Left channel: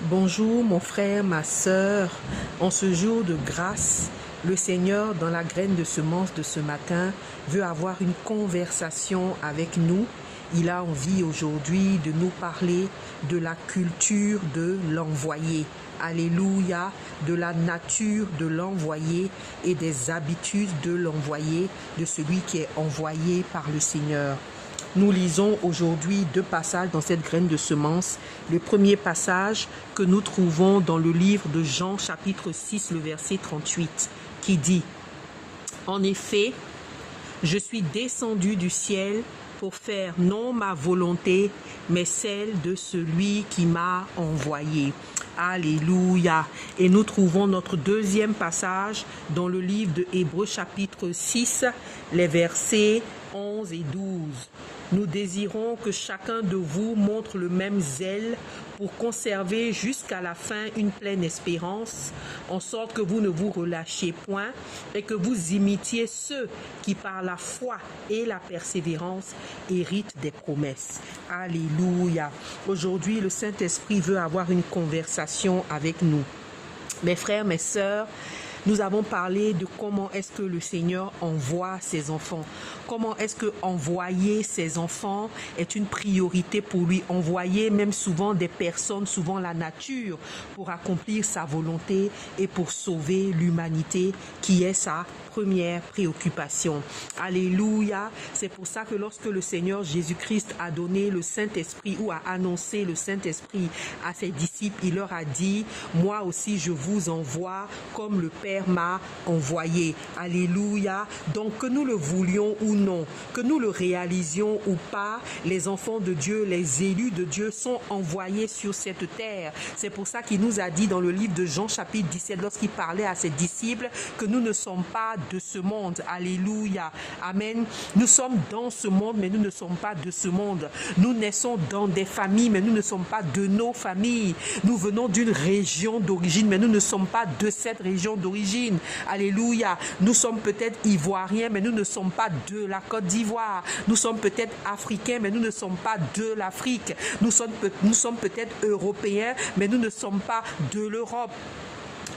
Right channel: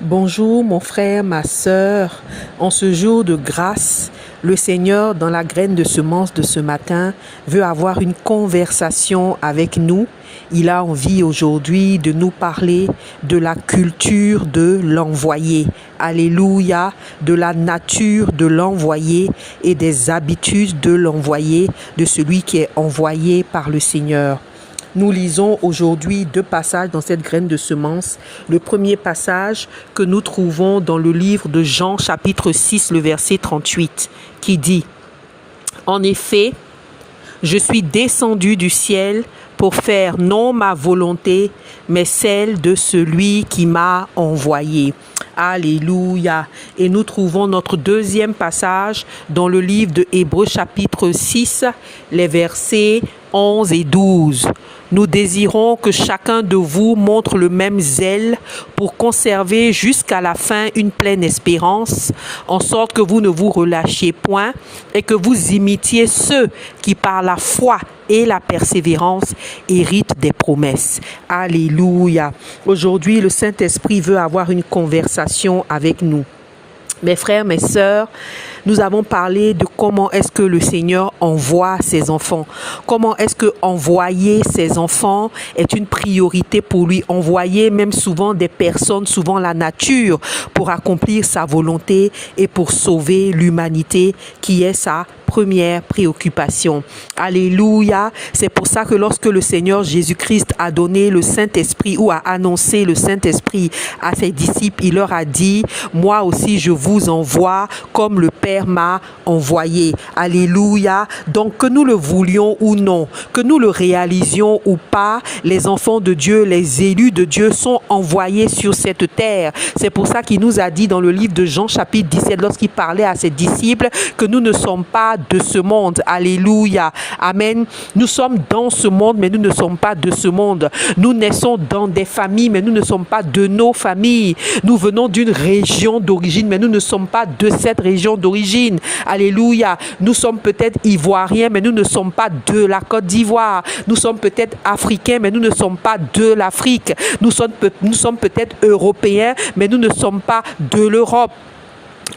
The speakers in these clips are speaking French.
Bonjour mon frère, ma sœur. En ce jour de grâce, le Seigneur, dans la graine de semence de ce matin, veut avoir une conversation avec nous. Il a envie aujourd'hui de nous parler de la culture de l'envoyé. Alléluia, de la nature de l'envoyé et des habitudes de l'envoyé, de celui qui est envoyé par le Seigneur. Nous lisons aujourd'hui deux passages dans cette graine de semence. Le premier passage que nous trouvons dans le livre de Jean chapitre 6, le verset 38, qui dit « En effet, je suis descendu du ciel pour faire non ma volonté, mais celle de celui qui m'a envoyé. » Alléluia. Et nous trouvons notre deuxième passage dans le livre de Hébreux chapitre 6, les versets 11 et 12. Nous désirons que chacun de vous montre le même zèle pour conserver jusqu'à la fin une pleine espérance, en sorte que vous ne vous relâchiez point et que vous imitiez ceux qui par la foi et la persévérance héritent des promesses. Alléluia. Aujourd'hui, le Saint-Esprit veut avoir une conversation avec nous. Mes frères, mes sœurs, nous avons parlé de comment est-ce que le Seigneur envoie ses enfants. Comment est-ce que envoyer ses enfants est une priorité pour lui. Envoyer même souvent des personnes, souvent la nature, pour accomplir sa volonté et pour sauver l'humanité qui est sa première préoccupation. Alléluia. C'est pour ça que lorsque le Seigneur Jésus-Christ a donné le Saint-Esprit ou a annoncé le Saint-Esprit à ses disciples, il leur a dit, moi aussi je vous envoie comme le Père m'a envoyé. Alléluia. Donc que nous le voulions ou non, que nous le réalisions ou pas, les enfants de Dieu, les élus de Dieu sont envoyés sur cette terre. C'est pour ça qu'il nous a dit dans le livre de Jean chapitre 17, lorsqu'il parlait à ses disciples, que nous ne sommes pas de ce monde. Alléluia. Amen. Nous sommes dans ce monde, mais nous ne sommes pas de ce monde. Nous naissons dans des familles, mais nous ne sommes pas de nos familles. Nous venons d'une région d'origine, mais nous ne sommes pas de cette région d'origine. Alléluia. Nous sommes peut-être ivoiriens, mais nous ne sommes pas de la Côte d'Ivoire. Nous sommes peut-être africains, mais nous ne sommes pas de l'Afrique. Nous sommes peut-être européens, mais nous ne sommes pas de l'Europe.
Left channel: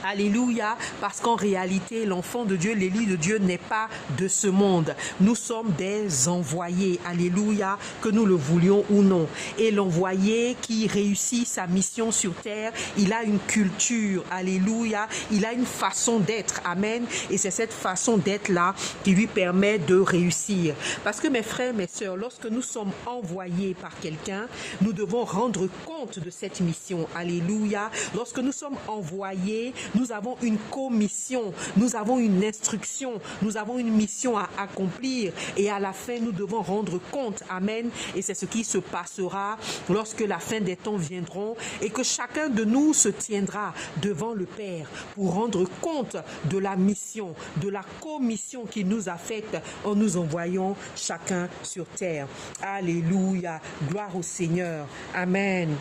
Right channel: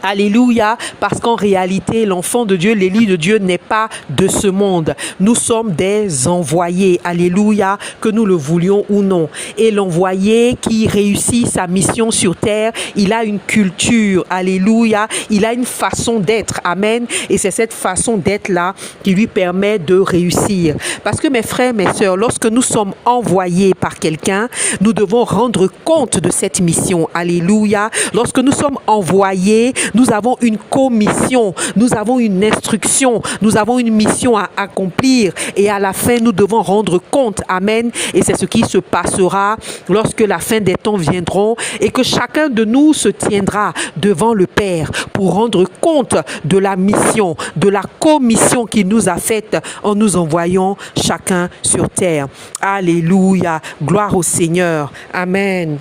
Alléluia, parce qu'en réalité, l'enfant de Dieu, l'élu de Dieu n'est pas de ce monde. Nous sommes des envoyés. Alléluia, que nous le voulions ou non. Et l'envoyé qui réussit sa mission sur terre, il a une culture. Alléluia, il a une façon d'être. Amen. Et c'est cette façon d'être-là qui lui permet de réussir. Parce que mes frères, mes sœurs, lorsque nous sommes envoyés par quelqu'un, nous devons rendre compte de cette mission. Alléluia. Lorsque nous sommes envoyés, nous avons une commission, nous avons une instruction, nous avons une mission à accomplir et à la fin, nous devons rendre compte. Amen. Et c'est ce qui se passera lorsque la fin des temps viendront et que chacun de nous se tiendra devant le Père pour rendre compte de la mission, de la commission qu'il nous a faite en nous envoyant chacun sur terre. Alléluia. Gloire au Seigneur. Amen.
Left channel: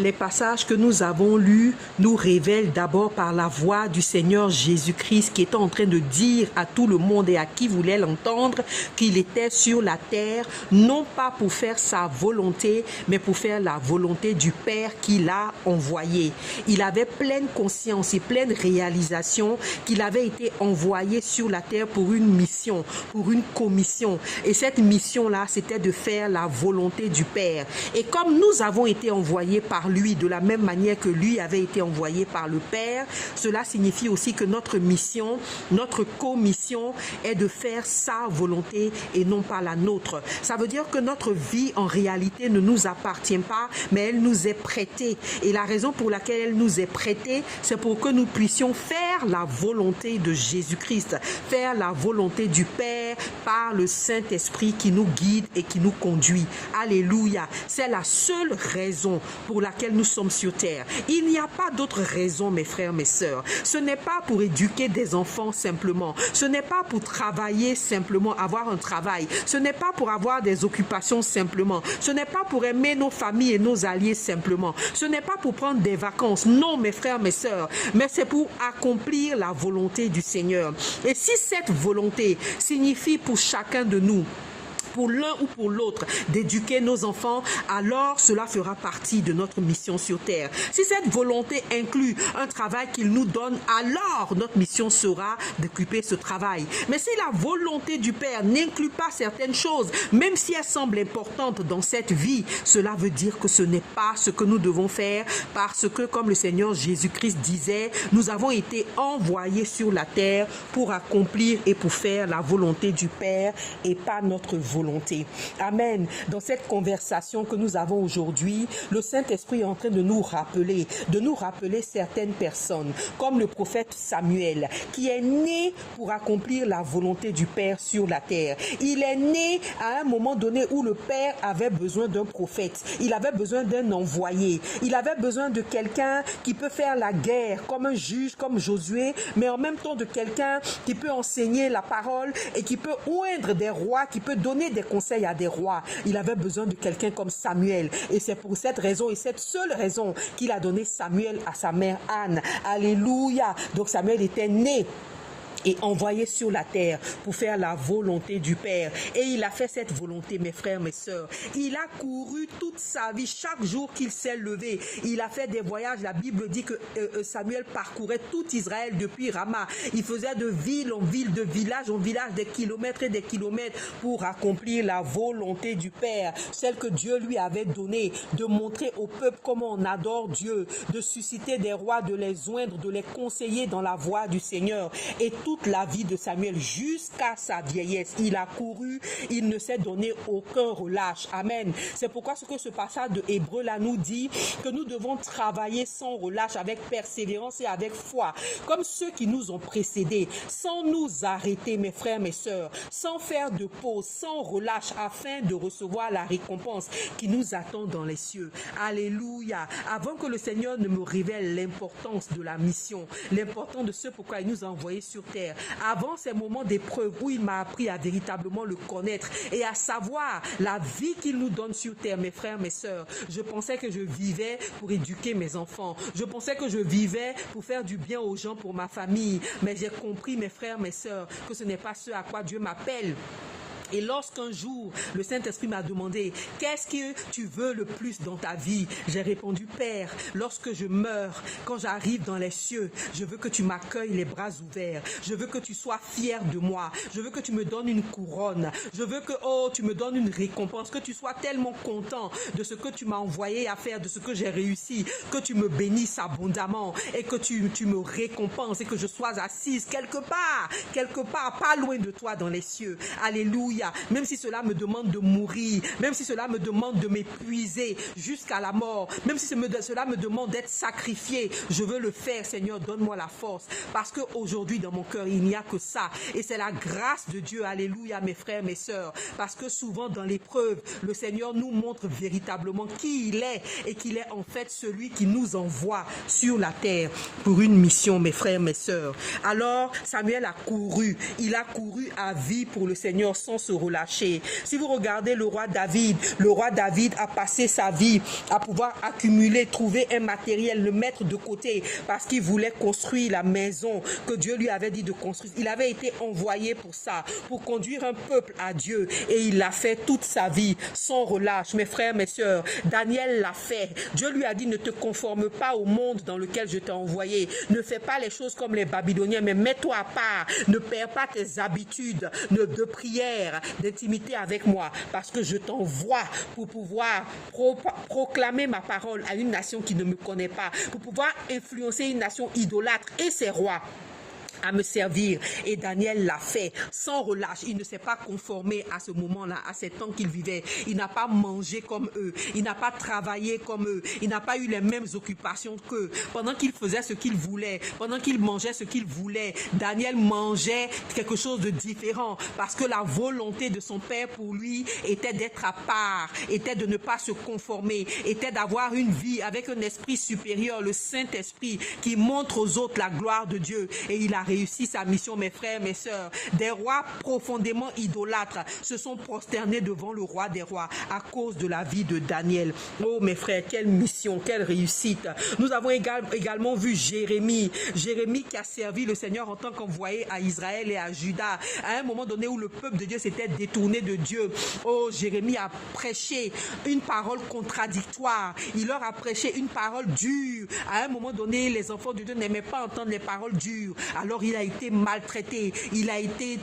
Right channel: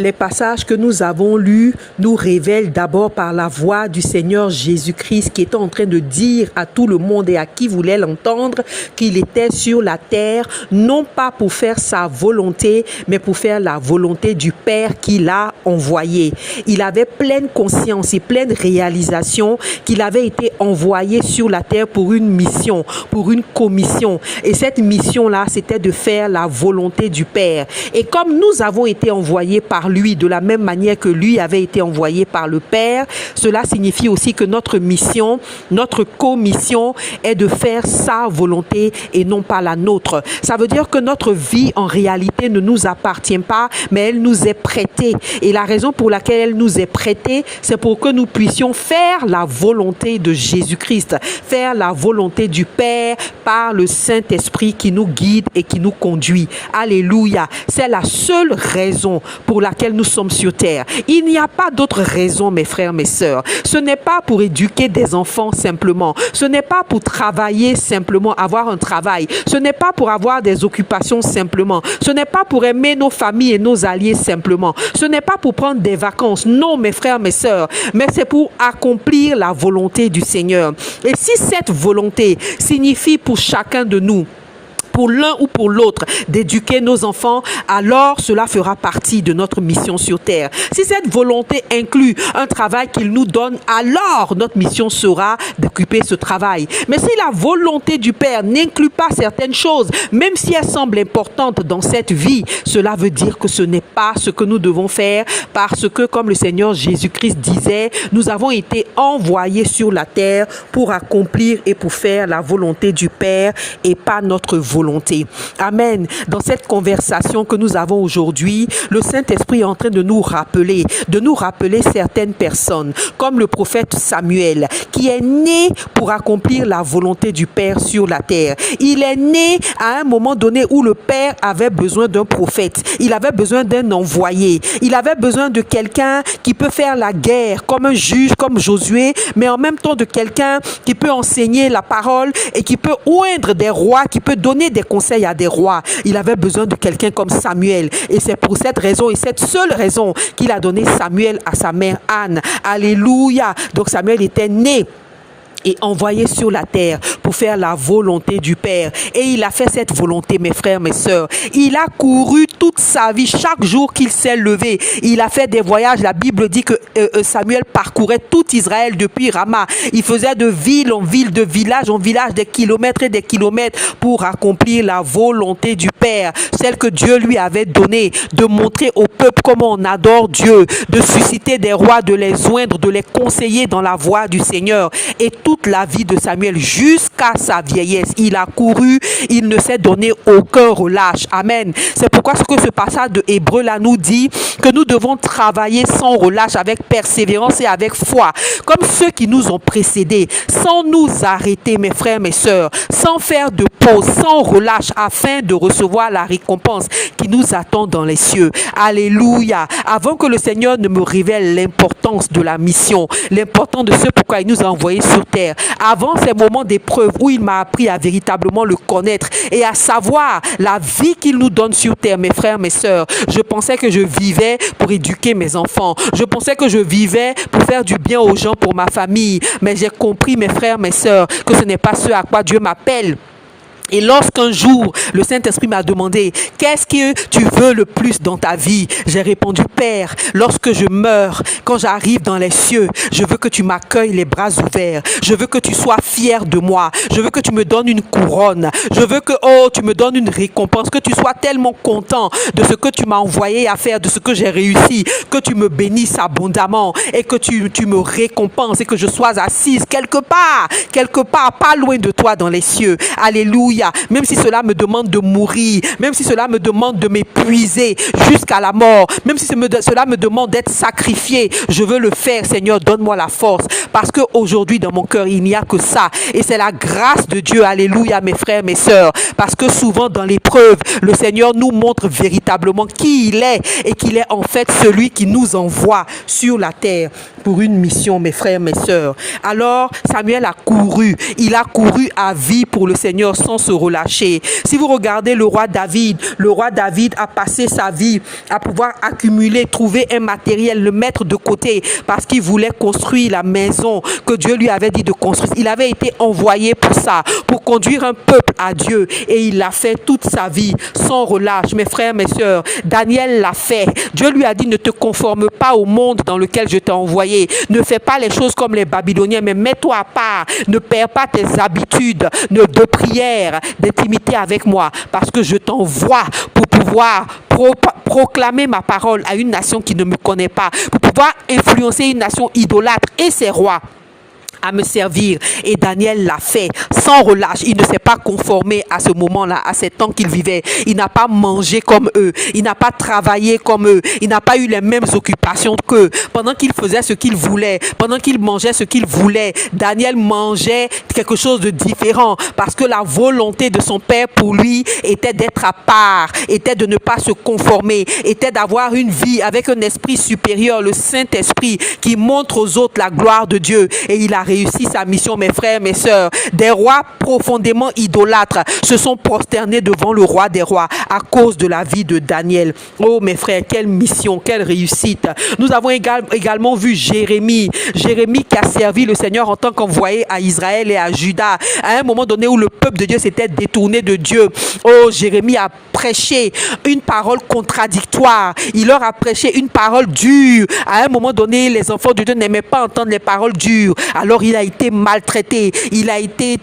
Les passages que nous avons lus nous révèlent d'abord par la voix du Seigneur Jésus-Christ qui était en train de dire à tout le monde et à qui voulait l'entendre qu'il était sur la terre, non pas pour faire sa volonté, mais pour faire la volonté du Père qui l'a envoyé. Il avait pleine conscience et pleine réalisation qu'il avait été envoyé sur la terre pour une mission, pour une commission. Et cette mission-là, c'était de faire la volonté du Père. Et comme nous avons été envoyés par lui, de la même manière que lui avait été envoyé par le Père, cela signifie aussi que notre mission, notre commission est de faire sa volonté et non pas la nôtre. Ça veut dire que notre vie en réalité ne nous appartient pas, mais elle nous est prêtée. Et la raison pour laquelle elle nous est prêtée, c'est pour que nous puissions faire la volonté de Jésus-Christ, faire la volonté du Père par le Saint-Esprit qui nous guide et qui nous conduit. Alléluia. C'est la seule raison pour laquelle nous sommes sur terre. Il n'y a pas d'autre raison, mes frères, mes sœurs. Ce n'est pas pour éduquer des enfants simplement. Ce n'est pas pour travailler simplement, avoir un travail. Ce n'est pas pour avoir des occupations simplement. Ce n'est pas pour aimer nos familles et nos alliés simplement. Ce n'est pas pour prendre des vacances. Non, mes frères, mes sœurs. Mais c'est pour accomplir la volonté du Seigneur. Et si cette volonté signifie pour chacun de nous pour l'un ou pour l'autre, d'éduquer nos enfants, alors cela fera partie de notre mission sur terre. Si cette volonté inclut un travail qu'il nous donne, alors notre mission sera d'occuper ce travail. Mais si la volonté du Père n'inclut pas certaines choses, même si elles semblent importantes dans cette vie, cela veut dire que ce n'est pas ce que nous devons faire, parce que, comme le Seigneur Jésus-Christ disait, nous avons été envoyés sur la terre pour accomplir et pour faire la volonté du Père et pas notre volonté. Amen. Dans cette conversation que nous avons aujourd'hui, le Saint-Esprit est en train de nous rappeler certaines personnes, comme le prophète Samuel, qui est né pour accomplir la volonté du Père sur la terre. Il est né à un moment donné où le Père avait besoin d'un prophète. Il avait besoin d'un envoyé. Il avait besoin de quelqu'un qui peut faire la guerre, comme un juge, comme Josué, mais en même temps de quelqu'un qui peut enseigner la parole et qui peut oindre des rois, qui peut donner des conseils à des rois. Il avait besoin de quelqu'un comme Samuel. Et c'est pour cette raison et cette seule raison qu'il a donné Samuel à sa mère Anne. Alléluia. Donc Samuel était né et envoyé sur la terre pour faire la volonté du Père. Et il a fait cette volonté, mes frères, mes sœurs. Il a couru toute sa vie, chaque jour qu'il s'est levé. Il a fait des voyages. La Bible dit que Samuel parcourait tout Israël depuis Rama. Il faisait de ville en ville, de village en village, des kilomètres et des kilomètres pour accomplir la volonté du Père, celle que Dieu lui avait donnée, de montrer au peuple comment on adore Dieu, de susciter des rois, de les oindre, de les conseiller dans la voie du Seigneur. Et toute la vie de Samuel jusqu'à sa vieillesse, il a couru, il ne s'est donné aucun relâche. Amen. C'est pourquoi ce que ce passage de Hébreux là nous dit que nous devons travailler sans relâche, avec persévérance et avec foi, comme ceux qui nous ont précédés, sans nous arrêter, mes frères, mes sœurs, sans faire de pause, sans relâche, afin de recevoir la récompense qui nous attend dans les cieux. Alléluia. Avant que le Seigneur ne me révèle l'importance de la mission, l'importance de ce pourquoi il nous a envoyés sur terre, avant ces moments d'épreuve où il m'a appris à véritablement le connaître et à savoir la vie qu'il nous donne sur terre, mes frères, mes sœurs, je pensais que je vivais pour éduquer mes enfants. Je pensais que je vivais pour faire du bien aux gens, pour ma famille. Mais j'ai compris, mes frères, mes sœurs, que ce n'est pas ce à quoi Dieu m'appelle. Et lorsqu'un jour, le Saint-Esprit m'a demandé, qu'est-ce que tu veux le plus dans ta vie? J'ai répondu, Père, lorsque je meurs, quand j'arrive dans les cieux, je veux que tu m'accueilles les bras ouverts. Je veux que tu sois fier de moi. Je veux que tu me donnes une couronne. Je veux que, tu me donnes une récompense, que tu sois tellement content de ce que tu m'as envoyé à faire, de ce que j'ai réussi, que tu me bénisses abondamment et que tu me récompenses et que je sois assise quelque part, pas loin de toi dans les cieux. Alléluia. Même si cela me demande de mourir, même si cela me demande de m'épuiser jusqu'à la mort, même si cela me demande d'être sacrifié, je veux le faire. Seigneur, donne-moi la force, parce qu'aujourd'hui dans mon cœur il n'y a que ça, et c'est la grâce de Dieu. Alléluia, mes frères, mes sœurs, parce que souvent dans l'épreuve, le Seigneur nous montre véritablement qui il est, et qu'il est en fait celui qui nous envoie sur la terre pour une mission, mes frères, mes sœurs. Alors Samuel a couru, il a couru à vie pour le Seigneur sans se relâcher. Si vous regardez le roi David a passé sa vie à pouvoir accumuler, trouver un matériel, le mettre de côté parce qu'il voulait construire la maison que Dieu lui avait dit de construire. Il avait été envoyé pour ça, pour conduire un peuple à Dieu, et il l'a fait toute sa vie sans relâche. Mes frères, mes sœurs, Daniel l'a fait. Dieu lui a dit, ne te conforme pas au monde dans lequel je t'ai envoyé. Ne fais pas les choses comme les Babyloniens, mais mets-toi à part. Ne perds pas tes habitudes de prière, d'intimité avec moi, parce que je t'envoie pour pouvoir proclamer ma parole à une nation qui ne me connaît pas, pour pouvoir influencer une nation idolâtre et ses rois à me servir. Et Daniel l'a fait sans relâche. Il ne s'est pas conformé à ce moment-là, à ces temps qu'il vivait. Il n'a pas mangé comme eux. Il n'a pas travaillé comme eux. Il n'a pas eu les mêmes occupations qu'eux. Pendant qu'il faisait ce qu'il voulait, pendant qu'il mangeait ce qu'il voulait, Daniel mangeait quelque chose de différent, parce que la volonté de son père pour lui était d'être à part, était de ne pas se conformer, était d'avoir une vie avec un esprit supérieur, le Saint-Esprit, qui montre aux autres la gloire de Dieu. Et il a réussi sa mission, mes frères, mes sœurs. Des rois profondément idolâtres se sont prosternés devant le roi des rois à cause de la vie de Daniel. Oh mes frères, quelle mission, quelle réussite. Nous avons également vu Jérémie qui a servi le Seigneur en tant qu'envoyé à Israël et à Juda. À un moment donné où le peuple de Dieu s'était détourné de Dieu, oh, Jérémie a prêché une parole contradictoire. Il leur a prêché une parole dure. À un moment donné, les enfants de Dieu n'aimaient pas entendre les paroles dures. Alors il a été maltraité, il a été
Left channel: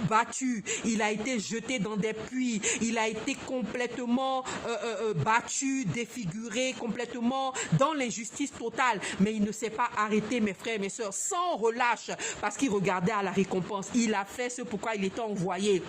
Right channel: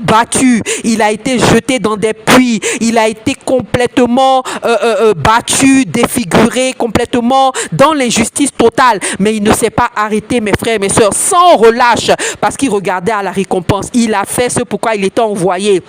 battu, il a été jeté dans des puits, il a été complètement battu, défiguré, complètement dans l'injustice totale. Mais il ne s'est pas arrêté, mes frères et mes sœurs, sans relâche, parce qu'il regardait à la récompense. Il a fait ce pourquoi il était envoyé.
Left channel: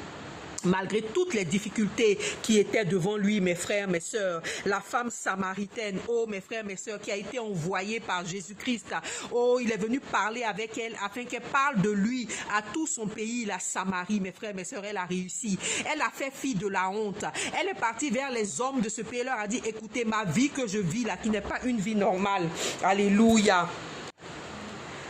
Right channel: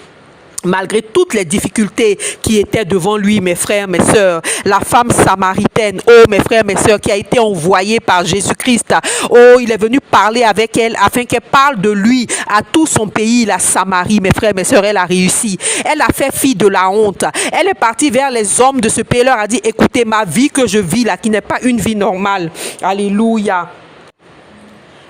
Malgré toutes les difficultés qui étaient devant lui, mes frères, mes sœurs, la femme samaritaine, oh mes frères, mes sœurs, qui a été envoyée par Jésus-Christ, oh, il est venu parler avec elle afin qu'elle parle de lui à tout son pays, la Samarie, mes frères, mes sœurs, elle a réussi. Elle a fait fi de la honte. Elle est partie vers les hommes de ce pays, leur a dit, écoutez, ma vie que je vis là, qui n'est pas une vie normale. Alléluia.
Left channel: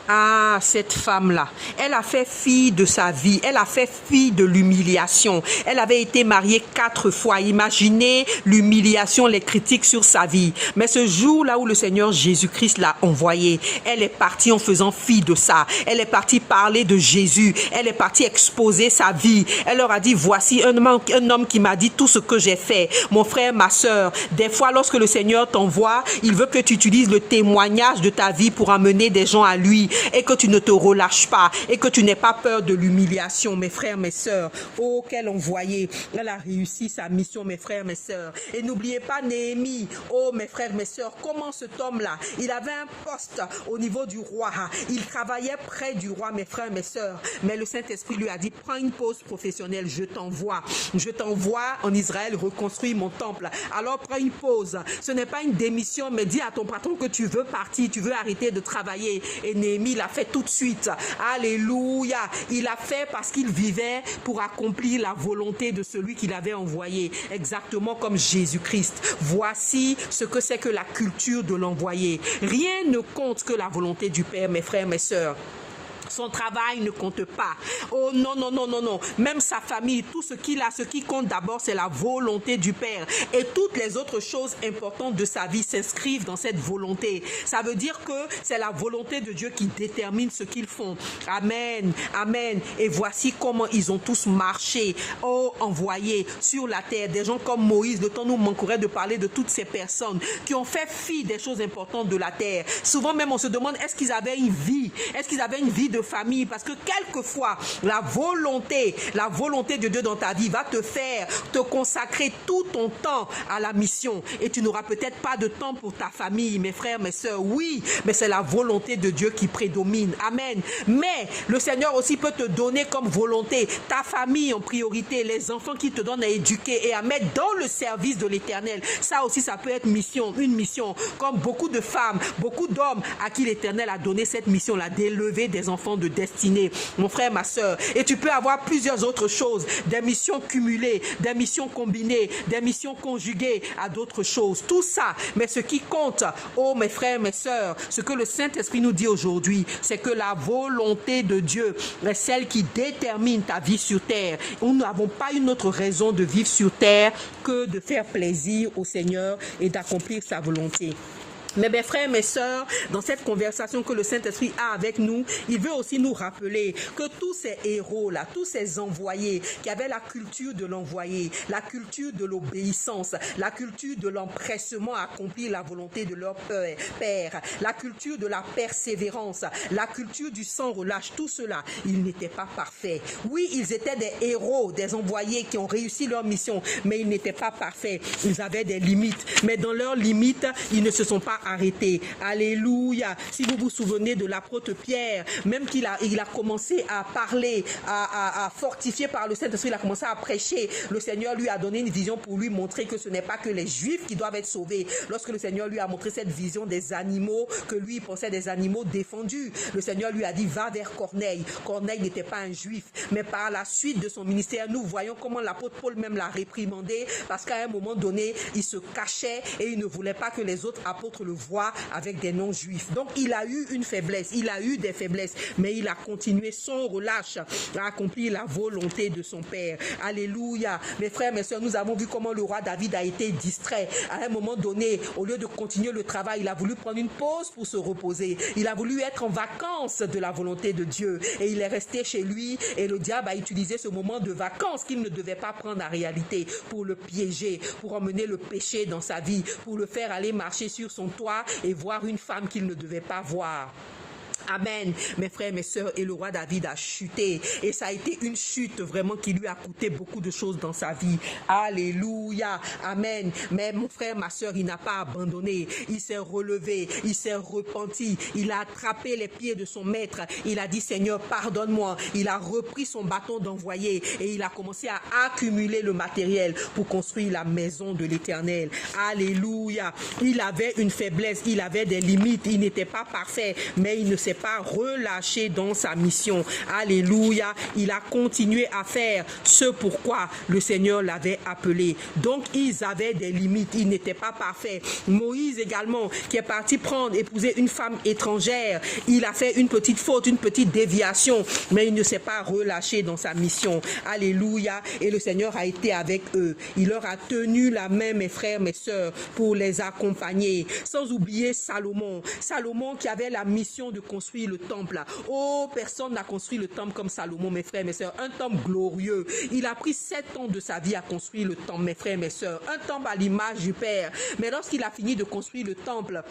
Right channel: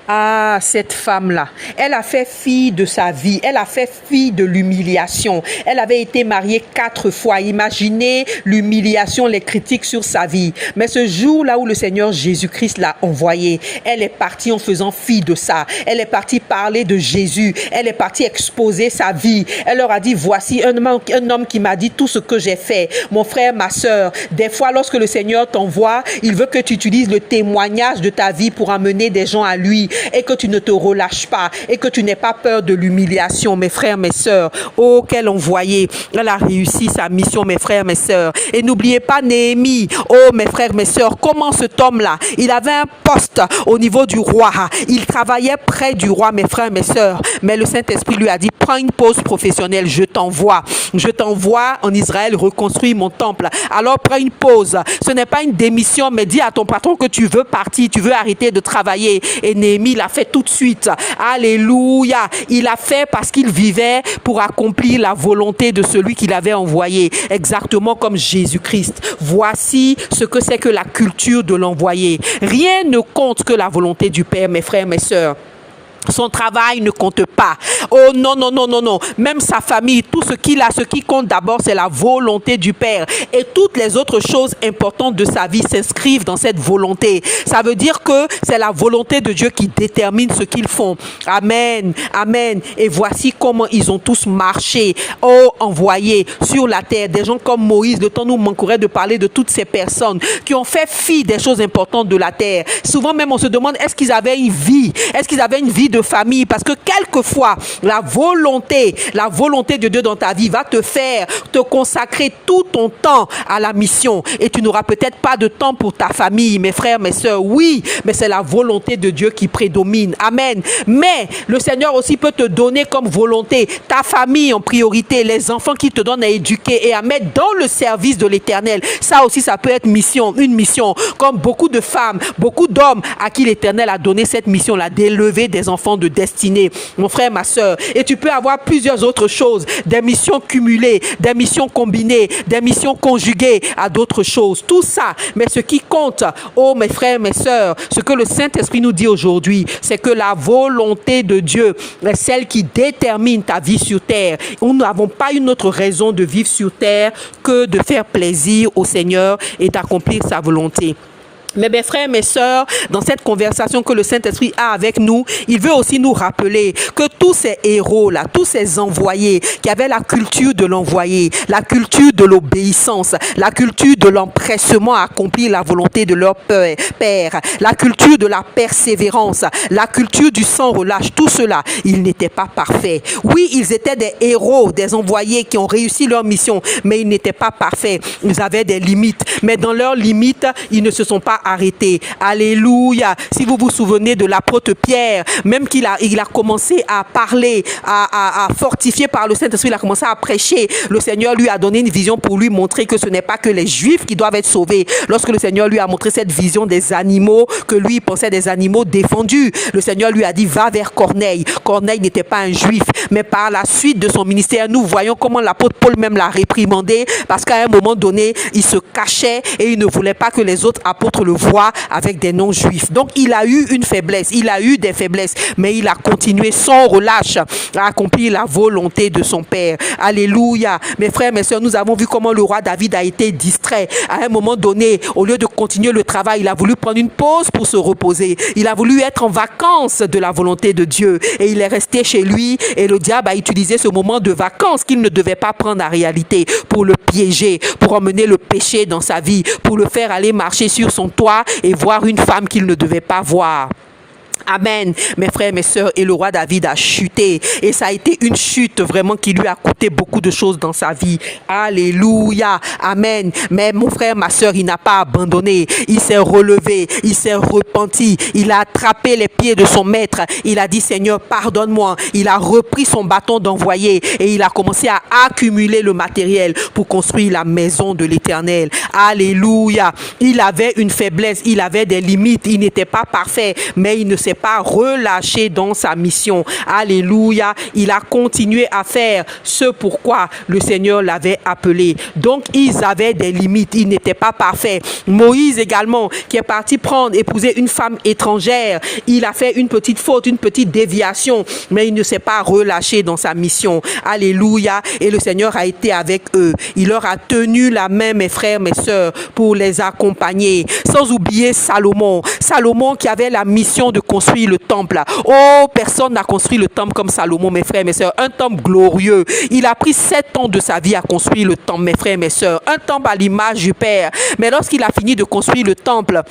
Ah, cette femme-là, elle a fait fi de sa vie, elle a fait fi de l'humiliation. Elle avait été mariée 4 fois. Imaginez l'humiliation, les critiques sur sa vie. Mais ce jour-là où le Seigneur Jésus-Christ l'a envoyée, elle est partie en faisant fi de ça. Elle est partie parler de Jésus. Elle est partie exposer sa vie. Elle leur a dit, voici un homme qui m'a dit tout ce que j'ai fait. Mon frère, ma sœur, des fois, lorsque le Seigneur t'envoie, il veut que tu utilises le témoignage de ta vie pour amener des gens à lui. Et que tu ne te relâches pas et que tu n'aies pas peur de l'humiliation, mes frères, mes sœurs. Oh, quel envoyé. Elle a réussi sa mission, mes frères, mes sœurs. Et n'oubliez pas Néhémie. Oh, mes frères, mes sœurs, comment cet homme-là, il avait un poste au niveau du roi. Il travaillait près du roi, mes frères, mes sœurs. Mais le Saint-Esprit lui a dit, prends une pause professionnelle, je t'envoie. Je t'envoie en Israël reconstruire mon temple. Alors prends une pause. Ce n'est pas une démission, mais dis à ton patron que tu veux partir, tu veux arrêter de travailler. Et Néhémie l'a fait tout de suite. Alléluia. Il a fait parce qu'il vivait pour accomplir la volonté de celui qu'il avait envoyé. Exactement comme Jésus-Christ. Voici ce que c'est que la culture de l'envoyé. Rien ne compte que la volonté du Père, mes frères, mes sœurs. Son travail ne compte pas. Oh non, non, non, non, non. Même sa famille, tout ce qu'il a, ce qui compte d'abord, c'est la volonté du Père. Et toutes les autres choses importantes de sa vie s'inscrivent dans cette volonté. Ça veut dire que c'est la volonté de Dieu qui détermine ce qu'ils font. Amen, amen. Et voici comment ils ont tous marché, oh, envoyés sur la terre. Des gens comme Moïse, le temps nous manquerait de parler de toutes ces personnes qui ont fait fi des choses importantes de la terre. Souvent même, on se demande, est-ce qu'ils avaient une vie? Est-ce qu'ils avaient une vie de famille? Parce que quelquefois la volonté de Dieu dans ta vie va te faire te consacrer tout ton temps à la mission et tu n'auras peut-être pas de temps pour ta famille, mes frères, mes sœurs. Oui, mais c'est la volonté de Dieu qui prédomine. Amen. Mais le Seigneur aussi peut te donner comme volonté ta famille en priorité, les enfants qu'il te donne à éduquer et à mettre dans le service de l'Éternel. Ça aussi, ça peut être une mission, comme beaucoup de femmes, beaucoup d'hommes à qui l'Éternel a donné cette mission-là, d'élever des enfants de destinée, mon frère, ma sœur. Et tu peux avoir plusieurs autres choses, des missions cumulées, des missions combinées, des missions conjuguées à d'autres choses. Tout ça, mais ce qui compte, oh mes frères, mes sœurs, ce que le Saint-Esprit nous dit aujourd'hui, c'est que la volonté de Dieu est celle qui détermine ta vie sur terre. Nous n'avons pas une autre raison de vivre sur terre que de faire plaisir au Seigneur et d'accomplir sa volonté. Mais mes frères, mes sœurs, dans cette conversation que le Saint-Esprit a avec nous, il veut aussi nous rappeler que tous ces héros-là, tous ces envoyés qui avaient la culture de l'envoyé, la culture de l'obéissance, la culture de l'empressement à accomplir la volonté de leur Père, la culture de la persévérance, la culture du sans relâche, tout cela, ils n'étaient pas parfaits. Oui, ils étaient des héros, des envoyés qui ont réussi leur mission, mais ils n'étaient pas parfaits. Ils avaient des limites, mais dans leurs limites, ils ne se sont pas arrêté. Alléluia. Si vous vous souvenez de l'apôtre Pierre, même qu'il a commencé à parler, à fortifier par le Saint-Esprit, il a commencé à prêcher. Le Seigneur lui a donné une vision pour lui montrer que ce n'est pas que les Juifs qui doivent être sauvés. Lorsque le Seigneur lui a montré cette vision des animaux, que lui pensait des animaux défendus, le Seigneur lui a dit, va vers Corneille. Corneille n'était pas un Juif, mais par la suite de son ministère, nous voyons comment l'apôtre Paul même l'a réprimandé, parce qu'à un moment donné, il se cachait et il ne voulait pas que les autres apôtres le voit avec des non-juifs. Donc, il a eu une faiblesse, il a eu des faiblesses, mais il a continué sans relâche à accomplir la volonté de son Père. Alléluia. Mes frères, mes sœurs, nous avons vu comment le roi David a été distrait. À un moment donné, au lieu de continuer le travail, il a voulu prendre une pause pour se reposer. Il a voulu être en vacances de la volonté de Dieu et il est resté chez lui et le diable a utilisé ce moment de vacances qu'il ne devait pas prendre en réalité pour le piéger, pour emmener le péché dans sa vie, pour le faire aller marcher sur son toit et voir une femme qu'il ne devait pas voir. Amen, mes frères, mes sœurs, et le roi David a chuté. Et ça a été une chute vraiment qui lui a coûté beaucoup de choses dans sa vie. Alléluia, amen. Mais mon frère, ma sœur, il n'a pas abandonné. Il s'est relevé, il s'est repenti. Il a attrapé les pieds de son maître. Il a dit, Seigneur, pardonne-moi. Il a repris son bâton d'envoyé et il a commencé à accumuler le matériel pour construire la maison de l'Éternel. Alléluia. Il avait une faiblesse, il avait des limites. Il n'était pas parfait, mais il ne s'est pas relâché dans sa mission. Alléluia. Il a continué à faire ce pourquoi le Seigneur l'avait appelé. Donc, ils avaient des limites. Ils n'étaient pas parfaits. Moïse également, qui est parti épouser une femme étrangère. Il a fait une petite faute, une petite déviation, mais il ne s'est pas relâché dans sa mission. Alléluia. Et le Seigneur a été avec eux. Il leur a tenu la main, mes frères, mes sœurs, pour les accompagner. Sans oublier Salomon. Salomon qui avait la mission de construire le temple. Oh, personne n'a construit le temple comme Salomon, mes frères, mes sœurs. Un temple glorieux. Il a pris 7 ans de sa vie à construire le temple, mes frères, mes sœurs. Un temple à l'image du Père. Mais lorsqu'il a fini de construire le temple,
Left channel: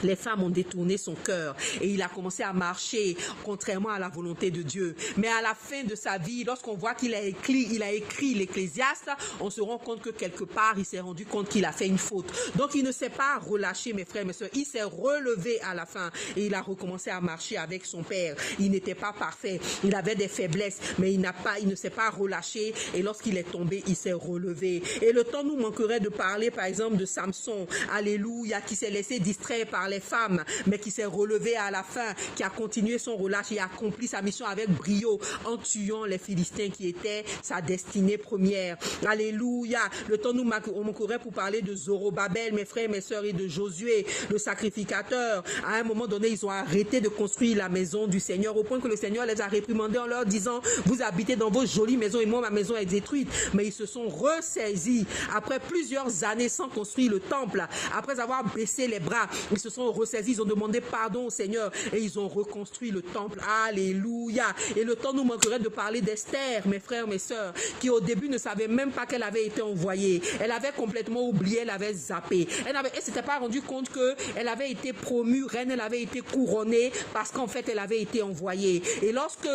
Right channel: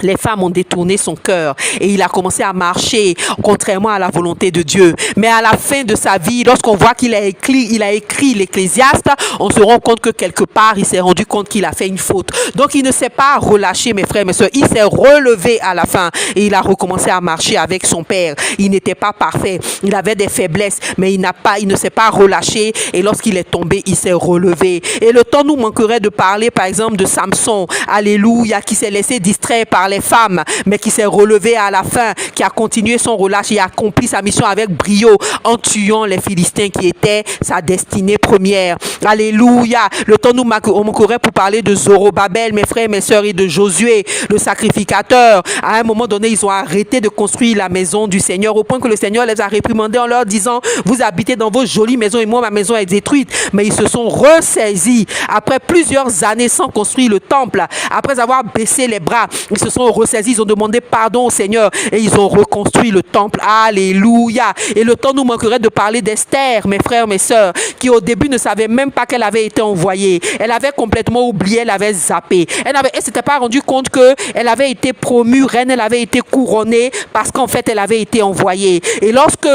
les femmes ont détourné son cœur et il a commencé à marcher contrairement à la volonté de Dieu. Mais à la fin de sa vie, lorsqu'on voit qu'il a écrit l'Ecclésiaste, on se rend compte que quelque part, il s'est rendu compte qu'il a fait une faute. Donc, il ne s'est pas relâché, mes frères, mes sœurs. Il s'est relevé à la fin et il a recommencé à marcher avec son Père. Il n'était pas parfait. Il avait des faiblesses, mais il ne s'est pas relâché et lorsqu'il est tombé, il s'est relevé. Et le temps nous manquerait de parler, par exemple, de Samson, alléluia, qui s'est laissé distraire par les femmes, mais qui s'est relevé à la fin, qui a continué son relâche et a accompli sa mission avec brio en tuant les Philistins qui étaient sa destinée première. Alléluia. Le temps nous manquerait pour parler de Zorobabel, mes frères, mes sœurs, et de Josué, le sacrificateur. À un moment donné, ils ont arrêté de construire la maison du Seigneur au point que le Seigneur les a réprimandés en leur disant, vous habitez dans vos jolies maisons et moi, ma maison est détruite. Mais ils se sont ressaisis après plusieurs années sans construire le temple. Après avoir baissé les bras, ils se sont ressaisis, ils ont demandé pardon au Seigneur et ils ont reconstruit le temple. Alléluia. Et le temps nous manquerait de parler d'Esther, mes frères, mes sœurs, qui au début ne savait même pas qu'elle avait été envoyée. Elle avait complètement oublié, elle avait zappé. Elle ne s'était pas rendu compte qu'elle avait été promue reine, elle avait été couronnée parce qu'en fait elle avait été envoyée. Et lorsque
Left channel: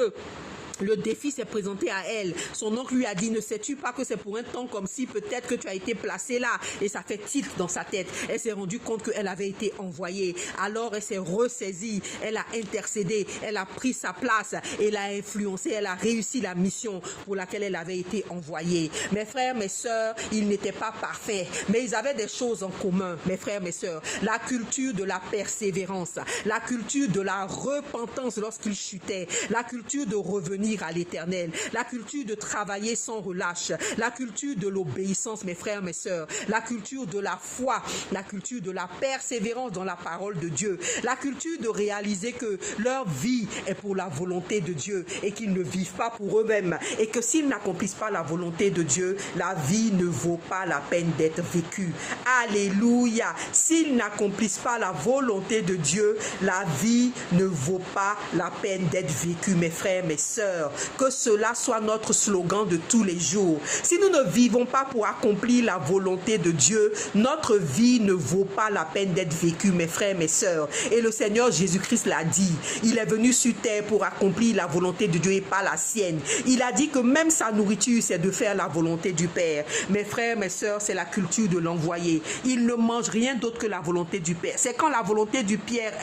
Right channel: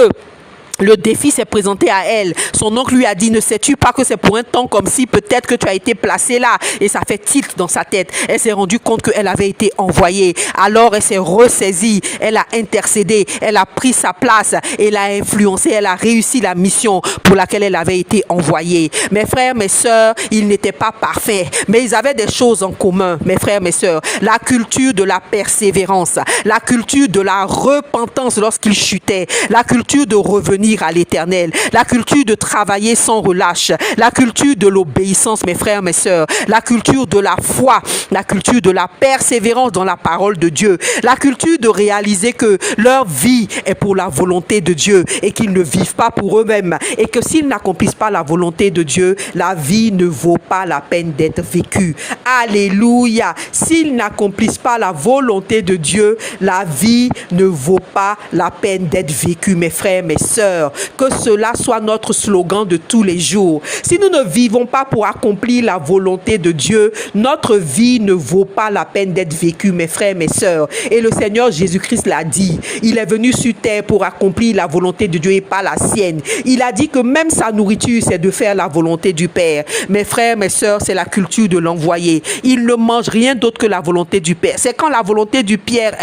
le défi s'est présenté à elle, son oncle lui a dit, ne sais-tu pas que c'est pour un temps comme si peut-être que tu as été placée là? Et ça fait tilt dans sa tête. Elle s'est rendue compte qu'elle avait été envoyée. Alors elle s'est ressaisie, elle a intercédé, elle a pris sa place, elle a influencé, elle a réussi la mission pour laquelle elle avait été envoyée. Mes frères, mes sœurs, ils n'étaient pas parfaits, mais ils avaient des choses en commun, mes frères, mes sœurs. La culture de la persévérance, la culture de la repentance lorsqu'ils chutaient, la culture de revenir à l'Éternel, la culture de travailler sans relâche, la culture de l'obéissance, mes frères, mes sœurs, la culture de la foi, la culture de la persévérance dans la parole de Dieu, la culture de réaliser que leur vie est pour la volonté de Dieu et qu'ils ne vivent pas pour eux-mêmes et que s'ils n'accomplissent pas la volonté de Dieu, la vie ne vaut pas la peine d'être vécue. Alléluia. S'ils n'accomplissent pas la volonté de Dieu, la vie ne vaut pas la peine d'être vécue, mes frères, mes sœurs. Que cela soit notre slogan de tous les jours. Si nous ne vivons pas pour accomplir la volonté de Dieu, notre vie ne vaut pas la peine d'être vécue, mes frères, mes sœurs. Et le Seigneur Jésus-Christ l'a dit. Il est venu sur terre pour accomplir la volonté de Dieu et pas la sienne. Il a dit que même sa nourriture, c'est de faire la volonté du Père. Mes frères, mes sœurs, c'est la culture de l'envoyé. Il ne mange rien d'autre que la volonté du Père. C'est quand la volonté du Père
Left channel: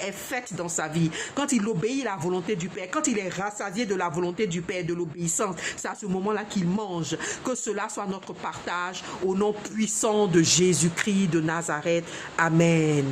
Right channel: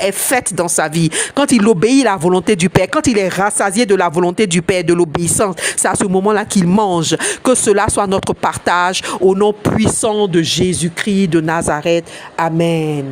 est faite dans sa vie, quand il obéit à la volonté du Père, quand il est rassasié de la volonté du Père, de l'obéissance, c'est à ce moment-là qu'il mange. Que cela soit notre partage au nom puissant de Jésus-Christ de Nazareth. Amen.